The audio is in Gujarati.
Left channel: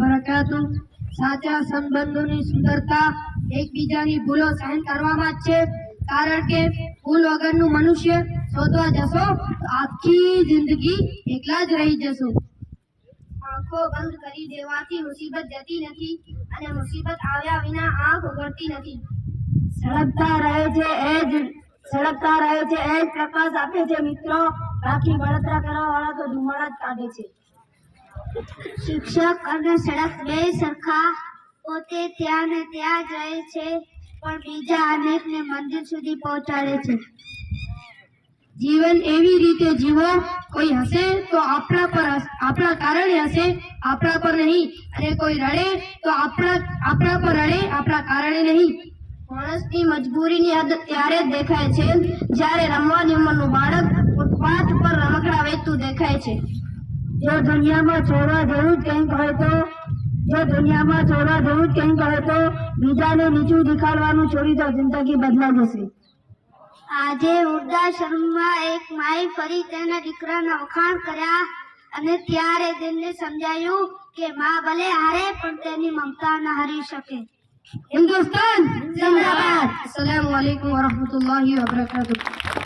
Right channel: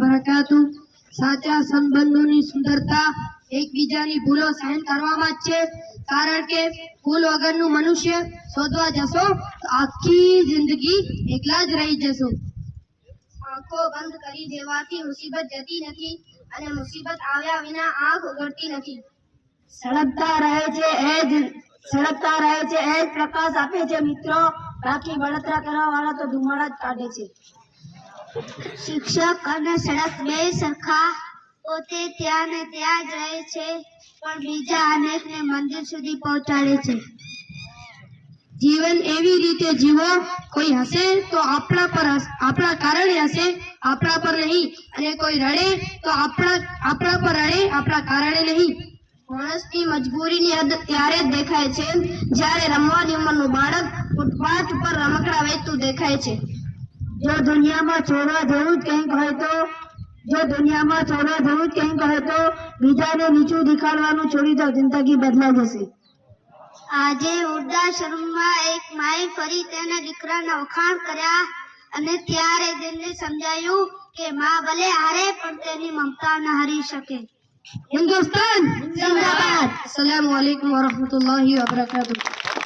બરકાતુહ. સાચા સંબંધોની સુંદરતા એકબીજાની ભૂલો સહન કરવામાં જ છે, કારણ કે ભૂલ વગરનું મનુષ્ય શોધવા જશો તો આખી જિંદગી એકલા જ રહી જશો. આંખો બંધ કરી દેવાથી મુસીબત જતી નથી અને મુસીબત આવ્યા વિના આંખ ઉઘડતી નથી. સળગતા રહે છે એ જ પ્રકાશ આપે છે મિત્રો, બાકી બળતરા કરવા વાળા તો ધુમાડા જ કાઢે છે. શિક્ષક અને સડક બે સરખા, પોતે ત્યાં ને ત્યાં જ રહે છે પણ બીજા અનેકને મંદિર સુધી પહોંચાડે છે. જીવન એવી રીતે જીવો, કોઈ હસે તો આપણા કારણે હસે, આપણા પર નહીં, અને કોઈ રડે તો આપણા પર રડે, આપણા કારણે નહીં. માણસની મજબૂરીની હદ ત્યારે જ દેખાય છે જ્યારે રમવાની ઉંમરનું બાળક ફૂટપાથ પર રમકડા વેચતું દેખાય છે. જો દુનિયામાં છોડવા જેવું જ કંઈક હોય તો બીજાને નીચું દેખાડવાનું છોડી દો, જિંદગી બદલાઈ જશે. આજે વૃદ્ધાશ્રમમાં એક માએ ફરી તેના દીકરાના વખાણ કર્યા અને ત્યારે તેમને સમજાયું કે માં ભલે હારે પણ તેની મમતા ન હારી શકે. હિન્દુસ્તાન જિંદાબાદ. અસ્સલામુ અલૈકુમ વરહમતુલ્લાહિ વબરકાતુહ.